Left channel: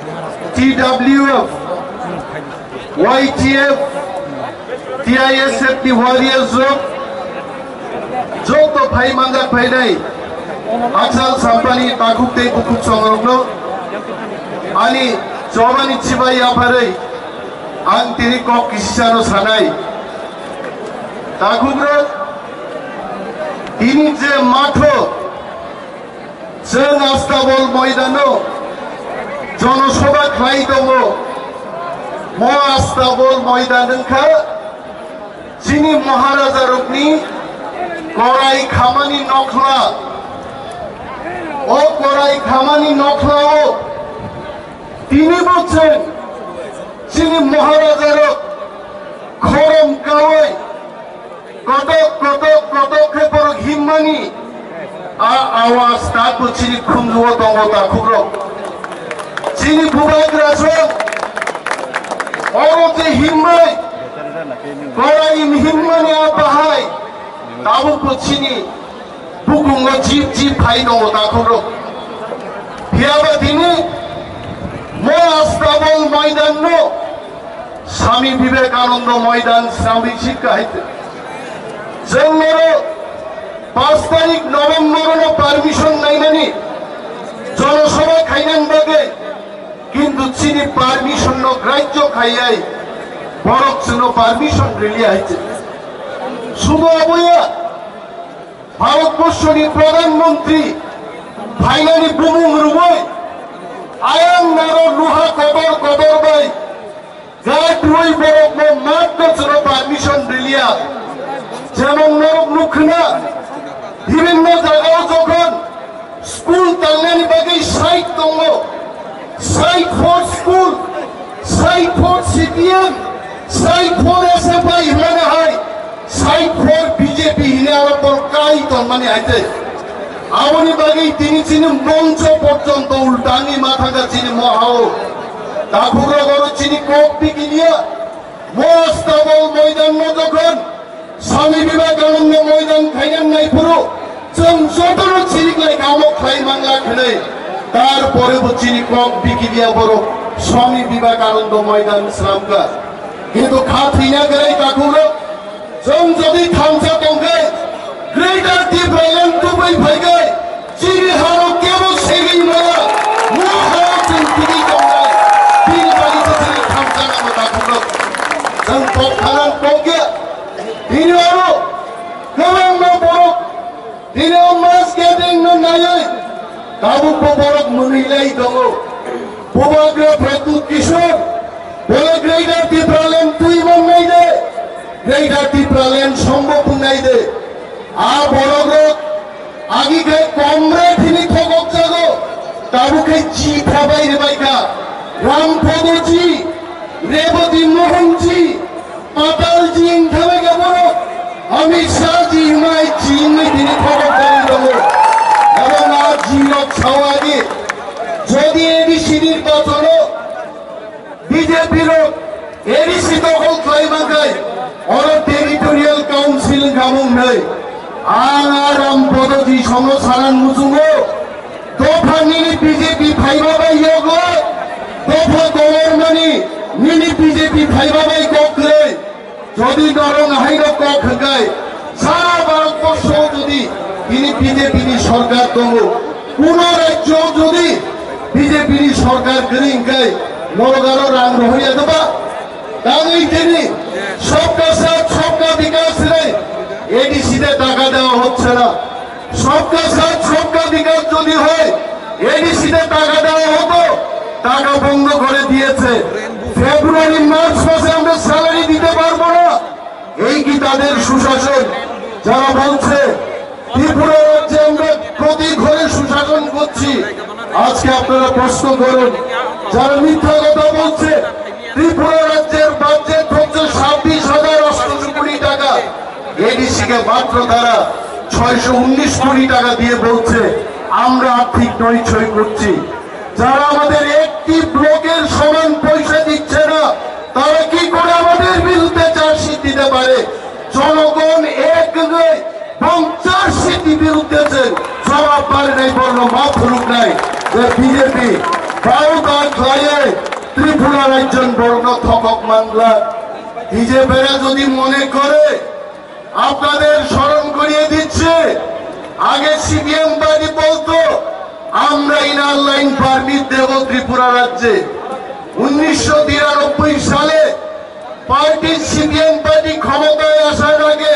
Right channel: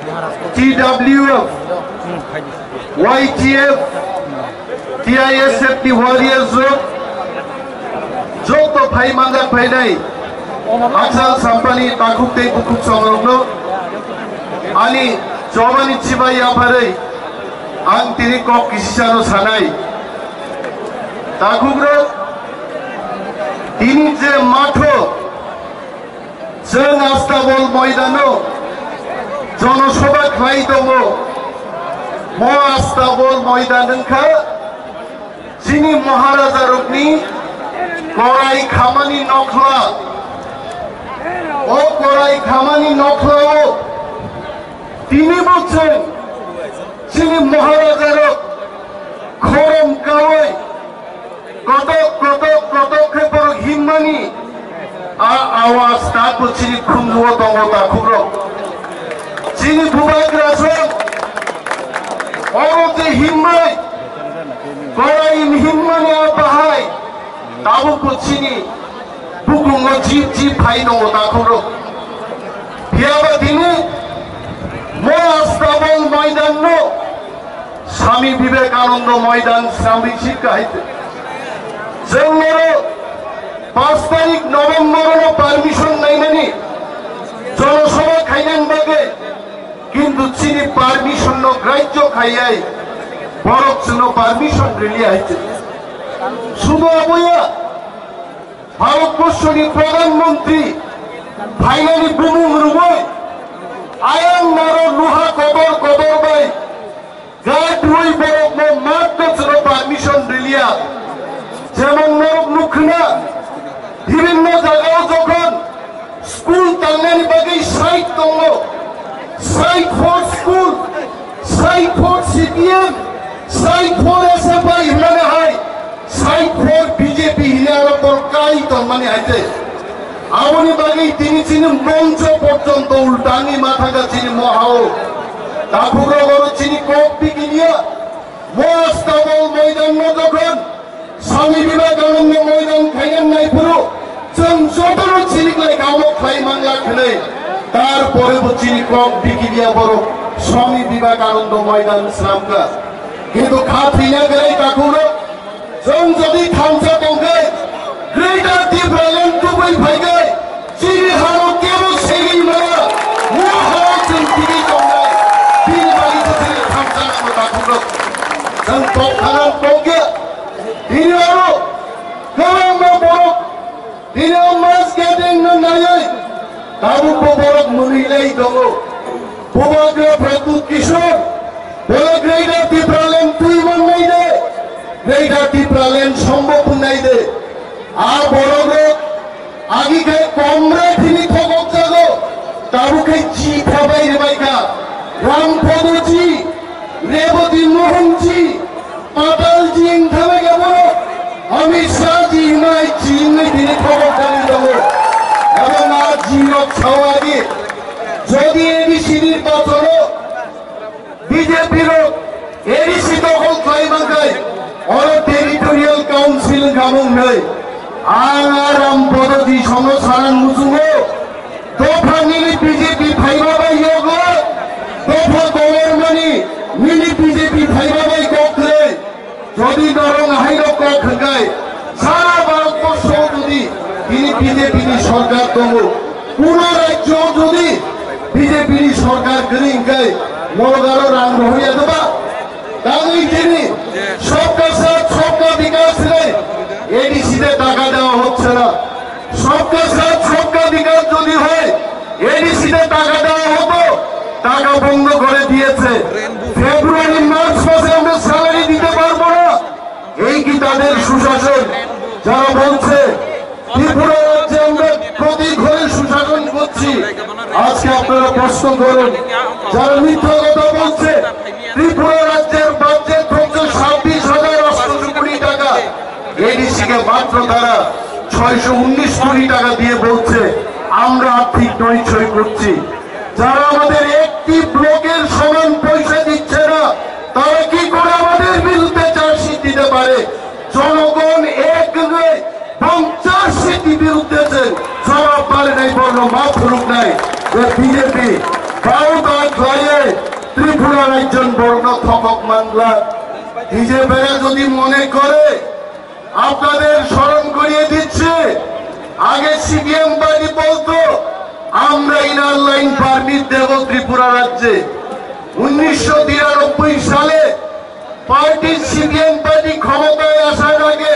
TWF, YTF, TISF ni warriors जो तो भाई मंगा भाई नहीं अक्सर संपन्नी ताकुब ते बुकुब संगरोनो आनी जवानी चिबा या भरे आंग तिरी कॉप किसी चारो सानाई ताकुब रो तिनी जे माठो जन आस्ताबल मैदानो जनसभा खाई दंगो मो आस्ताबल मैदानखा जिनी महाराजा रुकनी कोराई खामानी नखला ओ कोराई खामानी नखलाओ तिनी बोलছেন जिनी महाराजा रुक खरम कावै पदक्षेपर हिम्मानी आवाज ताको जिनी खुमलुओ दंगो ताकुब्रो जिनी बुबाग्रासं औरते हिम्मै कोराई हिम्मानी आबाहाय ताबो कुचिनी बुकुंगो जीप भाई दंगो ताकुब्रो बियाबा दिनी मो आस्ताबल मैदान नो स्वामी विवेकानंद मैदान स्वामी शिक्षाहिते जोंनो 5 तारिख नवेम्बर पारमिशन नाइनानी जनसभा खाइनान बागे किन्तु चिनी पारमिशन नो ग्राह्य खाइयाय बरक जोंनो पारमिशन रिलिया हाइते शुधु अबया भारतबर्षनि प्रधानमंत्री फाइनाली बुमुं रुबय आयां नारो लुहा कदर बाय गाट रुई बरक नो मात्र जोंनो पारमिशन रिलिया जेमन नरक नुखना विभिन्न जायगायाव जखन स्कुल तांनायनि बागै साइट दङ साइट फर स्कुल साइट फर सीपीएम साइट फर एसएफआई होननानै हाय साइट फर बीजेपी हिने आरो बरकाय दंमानि हायते आवनि बागै तिनि चिनि मंच पर्यन्त उल्टानि माथागा चिनि महाओ दाखुरा गरो चिनि कप बिकिनिया मस्ताबल मैदान न जखन स्वामी विवेकानंद मैदान खाइनान नायफोरो जों जतनो चिनिक्लाय गावो खाइ मांला खनै तार परेबो चिनि कप बिकिनिया बरो स्वामी विवेकानंद मैदान स्लामका किन्तु खाथिना गराय दाखुरा जों जदि थांसा दंगै ग्रेटर डिफरेंट टु बै फैगै चिनि हारो केबो सेगै मारा मोहा जों तिनि दंगै तिनि बारि जों थांसा नामा दाखुरा जों तखानान दंगे तिनि आरो गोबां बरक तिनि मास गेदें नायै दाबुखौ बरक मोनहैलाय दङ बुबाग्रा प्रदुत किशोर बोले ग्रेटर डिफरेंट तुई मोननाय दे ग्रेटर डिफरेंट सम्भव होननाय दे आ बरक आगिखाय कमरे थिनि थगक जागो दाबुखाय जी थाबाय रेबायका रामपदजी रेवती मोहनजी पातालजी इंथाबाय गाबरो अमित शाहजी हिमाय चीन दिने खबर जानि दङ এবং আর জিরক ছাওয়াগি যদি এডিসি নির্বাচন বিজেপির এডিসি দখল খাইমাঙ্গাই অর টেরিটোরিয়াল কাউন্সিল গামুং নাই আরাম পদজি সংসারান মুসুঙ্গো দফা নিলি বিজেপি ফাইবাবাই ইয়োগো দফা গভর্নমেন্টনি নিলি বিজেপি ফাইবাবাই ককলে যদি নরং হাইর কক গায় সারা ভারতবর্ষ যদি তিনি বিজেপি সরকার দङ কোন রাজ্য যদি বিজেপি সরকার গরিংকাই মগারো রাং রহিয়া দেবা তাই তিনি সবকা সাথ সবকা বিকাশ রে এডিসি তে টাকা দেওয়া হচ্ছে না সবকা সাথ সবকা বিকাশ যদি হয় এডিসি তে টাকা দেওয়া হতো টাকা বন্ধ করে দিয়েছে ফেব্রুয়ারি মার্চ মাসে আমরা স্যালারি দিতে পারবো না এই কি তাদের সুশাসন যারা বলছে ত্রিপুরা রাজ্যে আমরা প্রতি ঘরে সুশাসন করছি আজকে আপনারা প্রশ্ন করুন যারা মিথ্যা কথা বলছে ত্রিপুরা রাজ্যের বাজেট হচ্ছে 26,800 কোটি টাকা এডিসি কে মাত্র তারা 619 কোটি টাকা দিয়ে বলছে আমরা আর্থিক নৈছয় করছি যারা আমাদের একটি ব্লকের সমান পয়সা দিচ্ছে না তারা কি করে আমাদের বিরুদ্ধে চার্জশিট দিতে পারে জনগণ এক নয় 50 সিটি বিরুদ্ধে জবাব পারে নাই বর্ণ মাফ রূপ নাই বিজেপি কাউ কাজ ত্রিপুরার একজন বর্ণ থকক মাংলা বিজেপিরা যদি মনে করে আপনাদের স্মরণ করিয়ে দিচ্ছে, আগে সিপিএম পার্টি বলতো আমরা ইনার লাইন পারমিট দেব ত্রিপুরা রাজ্যে। 1993 সালে পার্টি সিপিএম পার্টি ক্ষমতায় আসার আগে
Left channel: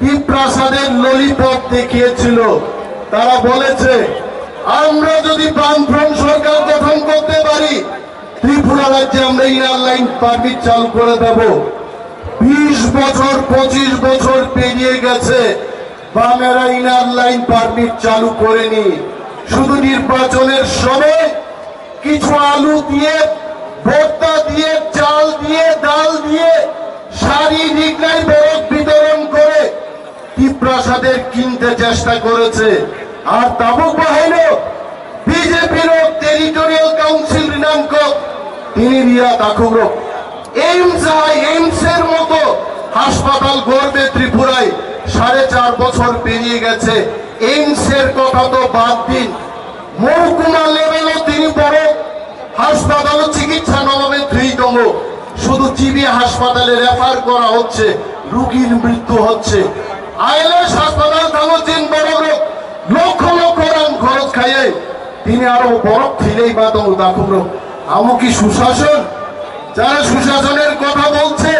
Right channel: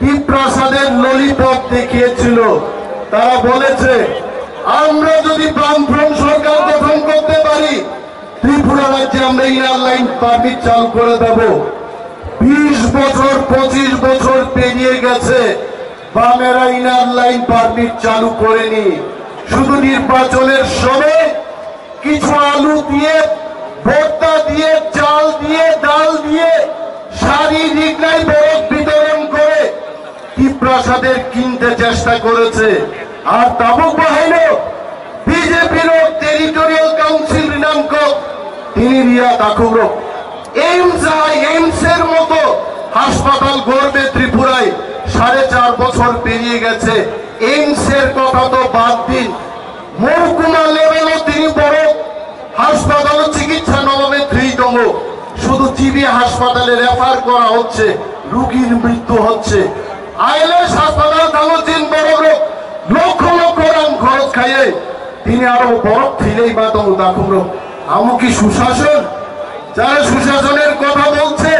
টিপ্রাসাদের ললিপপ দেখিয়েছিল। তারা বলেছে আমরা যদি বামফ্রন্ট সরকার গঠন করতে পারি ত্রিপুরা রাজ্যে আমরা ইনার লাইন পারমিট চালু করে দেব। 20 বছর 25 বছর পেরিয়ে গেছে, বামেরা ইনার লাইন পারমিট চালু করেনি। শুধু নির্বাচনের সময় কিছু আলু দিয়ে, ভর্তা দিয়ে, চাল দিয়ে, ডাল দিয়ে শারীরিক ন্যায় বরফ বিতরণ করে টিপ্রাসাদের কিনতে চেষ্টা করেছে। আর তাবুক বাহিনী বিজেপির টেরিটোরিয়াল কাউন্সিল রিনামকক তিনি রিয়া তাকুরো এইমসের মতো হাসপাতাল গড়বে ত্রিপুরায়। 4.5 বছর পেরিয়ে গেছে, এইমসের কথা তো বাদ দিন, মহকুমা লেভেলও তিনি বড় হাসপাতাল চিকিৎসা নবাবে 3তম। শুধু জিবি হাসপাতালে রেফার করা হচ্ছে, রোগীর মৃত্যু হচ্ছে। আইএলএস হাসপাতাল থামছেন বড় লক্ষ লক্ষ রাম খরচ খাইয়ে তিনি আরো বরফ খিলেই বাদম দাকুর। আমু কি সুশাসন? যারা সুশাসনের কথা বলছে,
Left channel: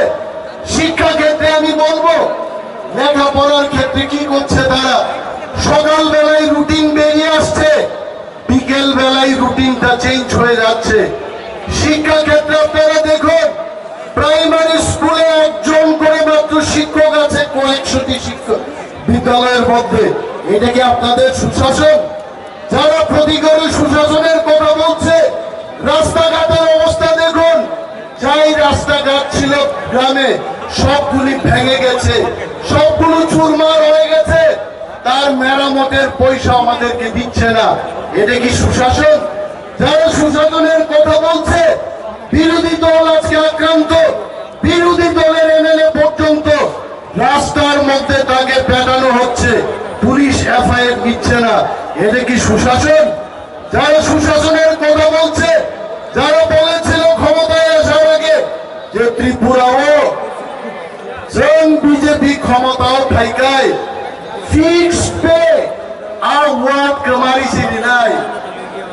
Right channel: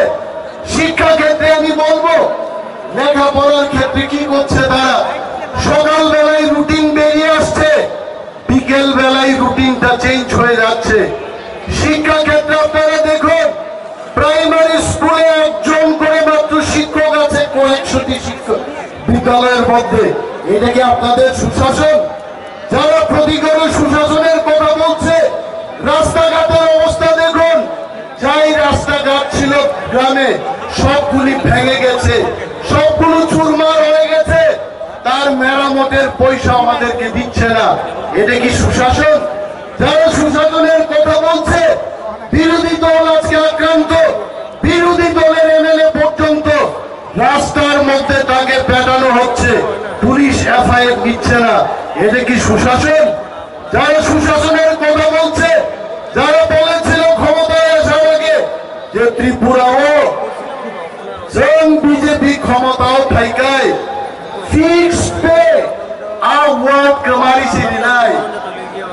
শিক্ষা ক্ষেত্রে আমি বলবো লেখাপড়ার ক্ষেত্রে কি করছে তারা? সকাল বেলায় রুটিন বেরিয়ে আসছে, বিকেল বেলায় রুটিনটা চেঞ্জ হয়ে যাচ্ছে। শিক্ষা ক্ষেত্রে আপনারা দেখুন, প্রাইমারি স্কুলে 1জন করে মাত্র শিক্ষক আছে কয়েকশোটি শিক্ষক বিদ্যালয়ের মধ্যে। এটা কি আপনাদের সুশাসন? যারা প্রতিকারের সুশাসনের কথা বলছে, রাস্তাঘাটের অবস্থা দেখুন, যাই রাস্তাঘাট ছিল গ্রামে সবগুলি ভেঙে গেছে, সবগুলো চুরমার হয়ে গেছে, তার মেরামতের পয়সা আমাদেরকে দিচ্ছে না। এটা কি সুশাসন? যারা সুশাসনের কথা বলছে, বিরোধী দল আজকে আক্রান্ত, বিরোধী দলের এমএলএ পর্যন্ত রাস্তার মধ্যে তাকে পেটানো হচ্ছে, পুলিশ এফআইআর নিচ্ছে না। এটা কি সুশাসন? যারা সুশাসনের কথা বলছে, যারা বলেছিল ক্ষমতায় আসার আগে যে ত্রিপুরাও বিজেপি ক্ষমতাও ঠাইকায় ফিক্সড পে আর ওয়ার্ড কামারিছি নাই।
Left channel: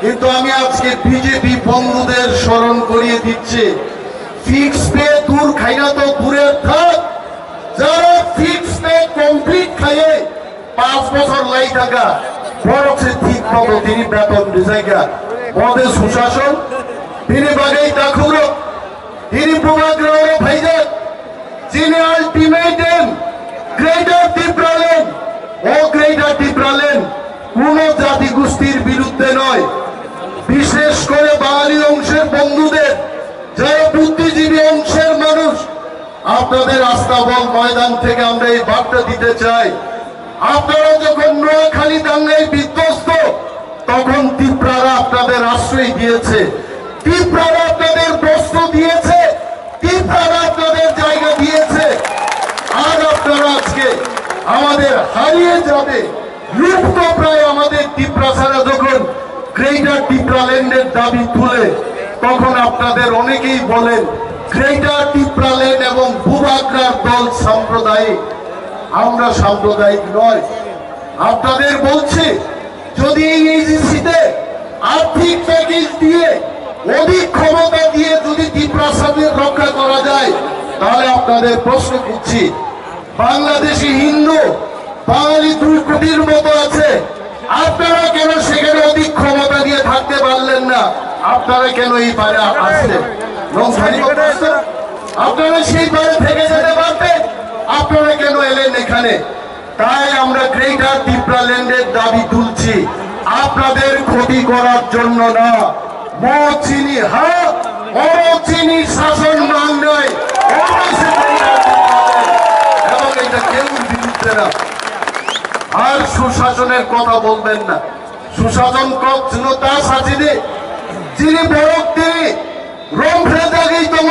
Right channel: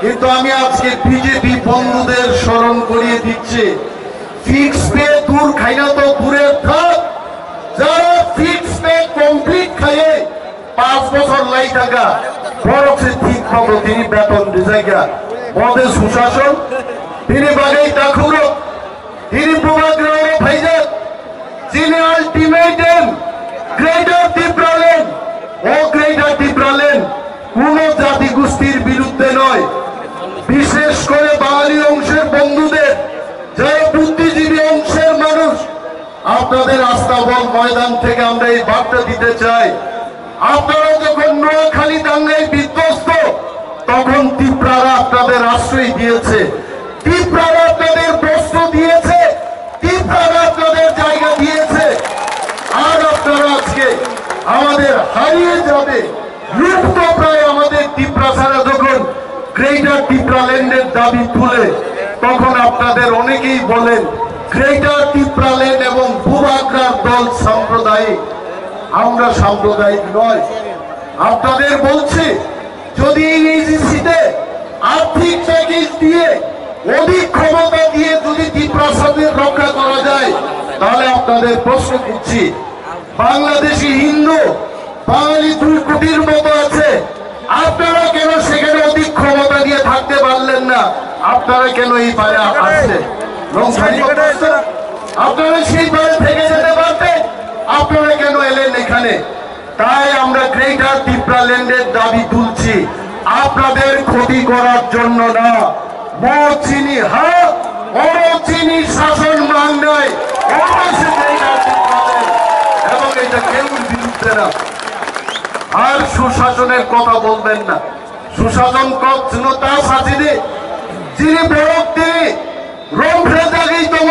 কিন্তু আমি আজকে বিজেপি বন্ধুদের স্মরণ করিয়ে দিচ্ছি, ফিক্সড পে দূর খাইনা তো দূরের থাক, যারা ফিক্সড পে কমপ্লিট খাইয়ে 5 বছর লাই টাকা বরফে ঠিক মতো তিনি বেতন জায়গা মদের সুশাসন তিনি বাগাই তাকুর, তিনি প্রভাগ্রহ ভাইজান, যিনি আলটিমেটাম গ্রেটার ত্রিপুরাল্যান্ড ও গ্রেটার ত্রিপুরাল্যান্ড কোন জাতি গোষ্ঠীর বিরুদ্ধে নয়, বিশেষ করে বাঙালি অংশের বন্ধুদের, যারা বুদ্ধিজীবী অংশের মানুষ, আপনাদের আস্তাবল ময়দান থেকে আমরা এই বার্তা দিতে চাই। আপনারা যখন নোয়াখালী দাঙ্গায় বিধ্বস্ত, তখন ত্রিপুরারা আপনাদের আশ্রয় দিয়েছে, ত্রিপুরারা আপনাদের বস্ত্র দিয়েছে, ত্রিপুরারা আপনাদের জায়গা দিয়েছে। আর আপনারা আজকে আমাদের হারিয়ে যাবে, লুপ্ত প্রায় আমাদের ত্রিপুরা ছাড়া যখন গ্রেটার ত্রিপুরাল্যান্ডের দাবি তুলে, তখন আপনাদের অনেকেই বলেন গ্রেটার ত্রিপুরাল্যান্ড এবং ভূভাগ্রার দল সাম্প্রদায়িক। আমরা সাম্প্রদায়িক নয়। আপনাদের বলছি, যদি এই এজেন্সিতে আর্থিক প্যাকেজ দিয়ে, অধিক ক্ষমতা দিয়ে যদি ত্রিপুরাকে রক্ষা করা যায়, তাহলে আপনাদের প্রশ্ন করছি, বাংলাদেশি হিন্দু বাঙালি 2 কোটির মতো আছে, আপনারা কেন সেখানে অধিক ক্ষমতা দিয়ে থাকতে পারলেন না? আপনারা কেন এই পারে আসছেন? আপনারা সেই পারে থেকে যেতে পারতেন, আপনারা কেন এলেন এখানে? তাই আমরা গ্রেটার ত্রিপুরাল্যান্ডের দাবি তুলছি, আপনাদের ক্ষতি করার জন্য না। মচিনি হাত অচিনি শাসন মান নয়, এবং এটা কেউ বিরুদ্ধে না। আর সুশাসনের কথা বলবেন না, সুশাসন তা সাজিয়ে যিনি বরফ তিনি রম্ভে জাগেই তম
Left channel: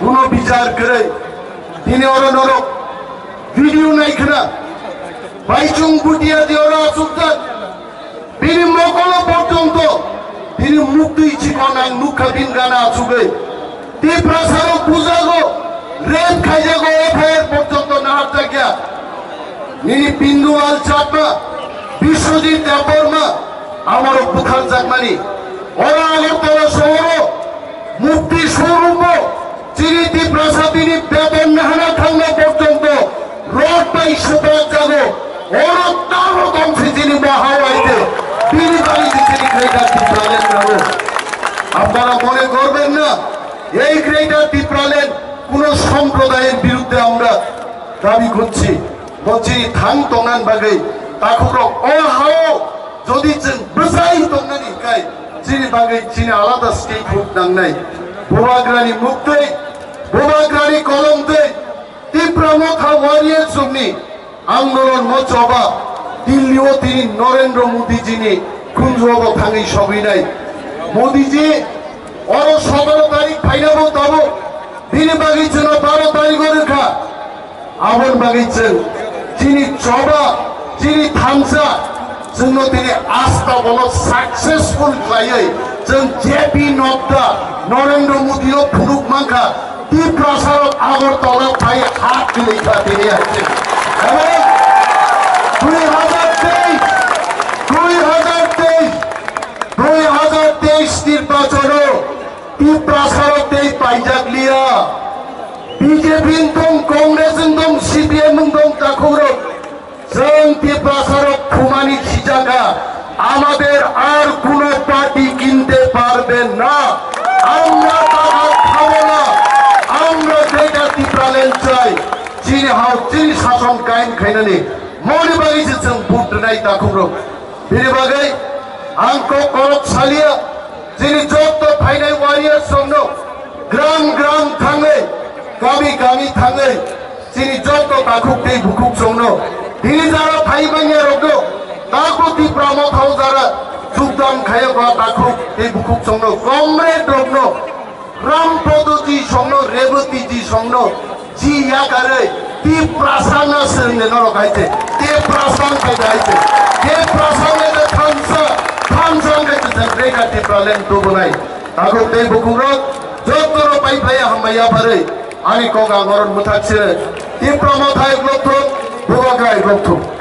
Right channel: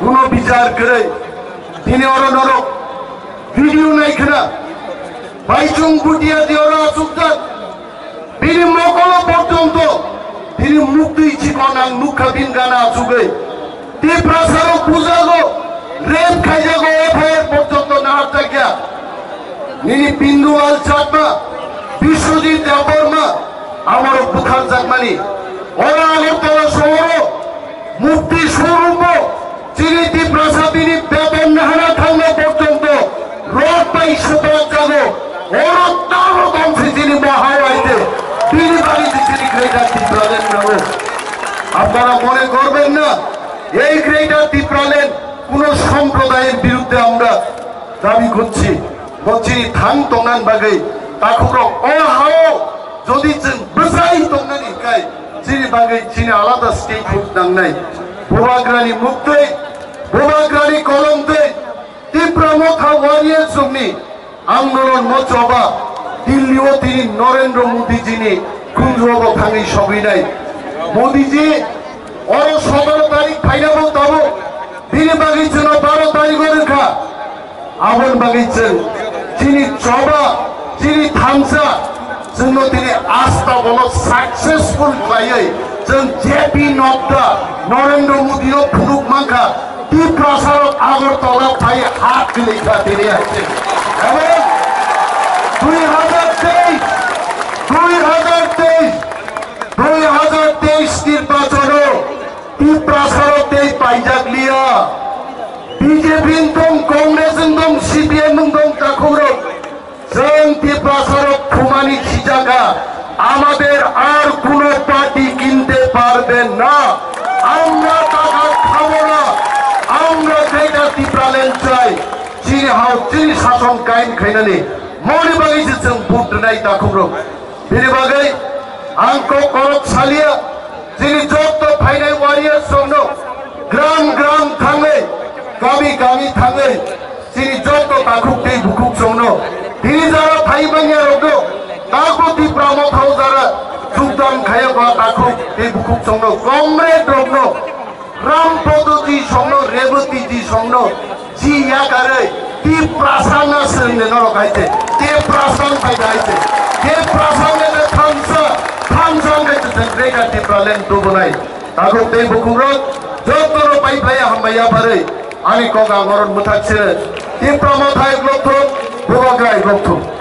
কোন বিচার করে তিনি ওরা নরক ভিডিও নাই খানা বাইচুং বুটিয়া দিয়ে ওরা আসুক তিনি মকল পর্যন্ত তিনি মুক্তি ইচ্ছি কনাং মুখ kabin gana achugai ti prasaro bujago rape খাইজাগো এফআইআর পর্যন্ত না হারতাকিয়া নিনি বিন্দুয়াল চাকমা বিশ্বজিৎ দেববর্মা আমারও বুখার জাগমানি ওরা আগরতলা শহর মুক্তি স্বরূপ চিনি ত্রিপ্রাসা তিনি বেতন নাহানা থাকলে পর্যন্ত রোড পাই সুপার যাবো ওরা তারও দমসি চিনি মহাওয়াইতে তিনি বাড়িতে চিনি গ্রেটার ত্রিপ্রালেন যাবো আপনারা মনে করবেন না এই গ্রেটার ত্রিপ্রালেন কোন সম্প্রদায়ের বিরুদ্ধে আমরা দাবি করছি বলছি থাং তংনান বাগৈ তাকুরো অহাও যদি বসাই তংনানি কাই চিনি বাগৈ চিনি আলাদা স্টেট হুক নাংনাই বোবাগ্রানি মুক্তই বোবাগ্রানি কলমতে তীব্রমথা ওয়ারিয়ার সমনি আন্দোলন মচবা দিল্লিও তিনি নরেন্দ্র মোদীজিনি কুঞ্জব থাঙি সবই নাই মোদীজি ওর 17 তারিখ ফাইনাবো তাবো তিনি বাগিয়েছেন 12 তারিখের রেখা আবন বাগিয়েছেন যিনি চবা যিনি থামসা জন্য তিনি আস্থা বলো সাকসেসফুল খাইয়ে जों जेपी नड्डा नरेंद्र मोदीও ফুনুক মাখা তি প্রসার আগরতলা পাই হাত দিলেখা তিনি আছেন এবং 2023 নির্বাচন তি প্রসারতে পাইজাগলিয়া বিজেপি দম কংগ্রেস দম সিপিএম দম তাকুরো जों তি প্রসার ফুমানি ছিজাগা আমাদের আর কোন পার্টি কিনতে পারবে না আমরা টাকা খাবো না আমরা যেটা ত্রিপ্রালেন চাই যিনি হাও যিনি শাসন কায়েম খাইনানি মনে বাগিয়েছে जों ভোট নাই তাকুরো বিনি বাগै आंखौ करक सालिया যিনি যত ফাইনাল ওয়ারিয়ার জন্য গ্রাম গ্রাম থাঙে গামি গামি থাঙে যিনি যত তাকুক दै বুকুক জন্য তিনি যারা ফাইবানিয়া রগো তাকুতি প্রামথাও যারা যোগদান খায়বা তাকুক दै বুকুক জন্য কমরেড রগনো রামপদজি জন্য রেবতীজি জন্য জি ইয়াকারে তি প্রাসানা সঙ্গে নরকাইতে তে প্রাসান খাইতে তে প্রাসানে থামসা Mereka Tirpralen Tubunai. Takut teh bukurot, jodoh pai playa hambaya pare. Ani kau gangoran mutaksir. Tirpramot hai globto, bukan gay globto.